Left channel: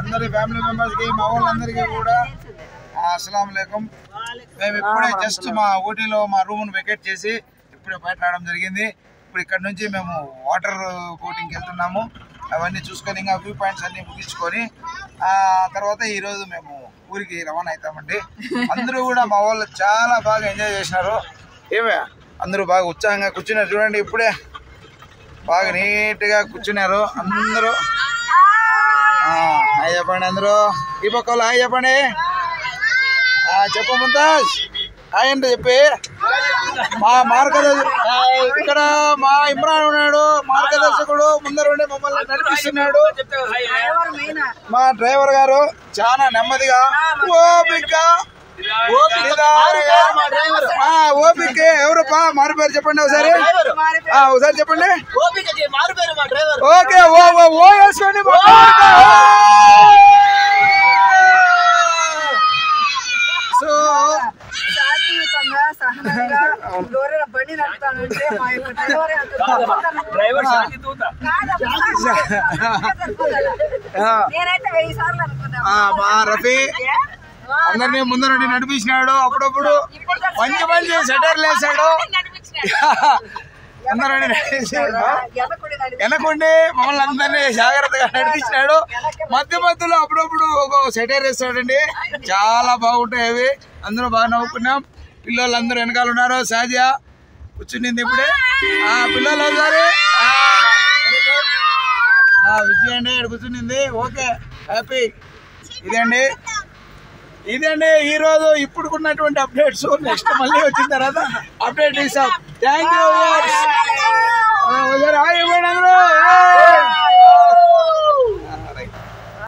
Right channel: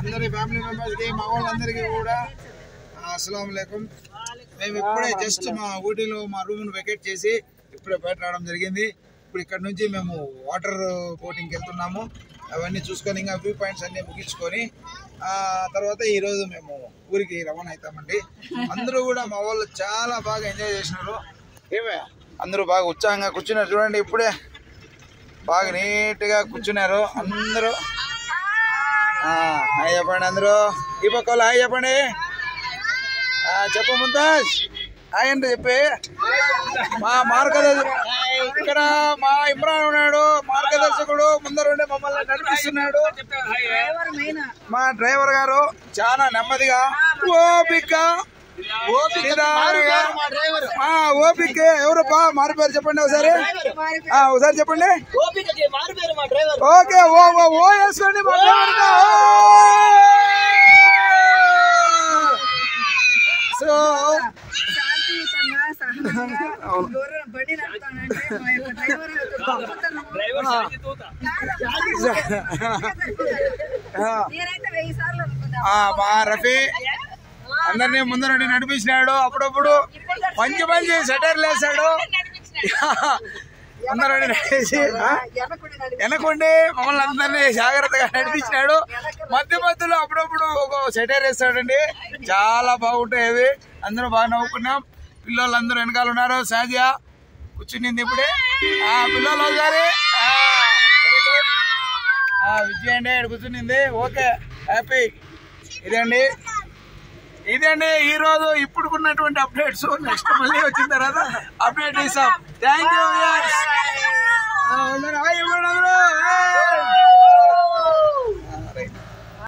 అందరి family members కి మా వాళ్ళందరికీ కూడా అస్సలాము అలైకుం. మేము ఇప్పుడే జస్ట్ మా ఊటీలో మా రూమ్ను వెకేట్ చేసి ఇప్పుడే బయట రావడం జరిగింది. ఇప్పుడు ఇక్కడ నుంచి మేము వాటర్ బోటింగ్కి వెళ్తున్నాము. అవన్నీ చూసుకొని ఇంకా వ్యూ పాయింట్స్ అన్ని ముగించుకొని తర్వాత ఈరోజు మేము ఊరికి రవాణా అవుతామండి. అందరూ కూడా మా వాళ్ళు చాలా బాగా ఎంజాయ్ చేసినారు. ఏమే అందరూ బాగా ఉత్సాహంగా కూర్చున్నారు. చూడండి ఇప్పుడే బాగా నీట్గా కూర్చున్నారు అందరూ. హాయ్ చెప్పండి అందరూ. ఈ పక్క హాయ్ చెప్పండి. చెప్ప ముంతాజ్ హాయ్ అంటే చెప్పి. మా ఇక్కడ మా ఇమ్రాన్ ఉన్నాడు, మార్గదర్శకుడు ముందర ఉండే మమ్మల్ని నడిపిస్తున్నాడు. మా డ్రైవర్ గారు చాలా నెమ్మదిగా ఓపిక ఎవరు మారు పేరు చెప్పండి ఒకసారి. ఒకసారి చెప్పండి. ఓకే ఓ వేసుకోండి. సో బండి నడుపుతానంటే మా యొక్క డ్రైవర్ నేనైతే 1000 సార్లు అనుకున్నా. మా రఫీ అందరినీ ముందర నడిపించినాడు. అప్పుడప్పుడు మంచి మంచి సెటర్లు వేసాడు. అందరూ వెనకుండి మమ్మల్ని అందరినీ జాగ్రత్తగా నడిపించినాడు. మధ్యలో అప్పుడప్పుడు ఒక సెటర్ వేస్తాడండి. చాలా బాగుంటాయి అవి. అందరూ బాగా నవ్వుకున్నాం. పిల్లలందరూ వెనకాల ఉన్నారు. సాజియా కూర్చునింది ఇప్పుడే. పిల్లలు ఒకసారి విజయ్ అండి ఇక్కడ కూర్చునింది. Okay happy. ఇదండి ఈరోజు ఇప్పుడుకున్నటువంటి అప్డేట్స్. నెక్స్ట్ మళ్ళీ వచ్చిన తర్వాత అప్డేట్ ఇస్తాం. Thank you.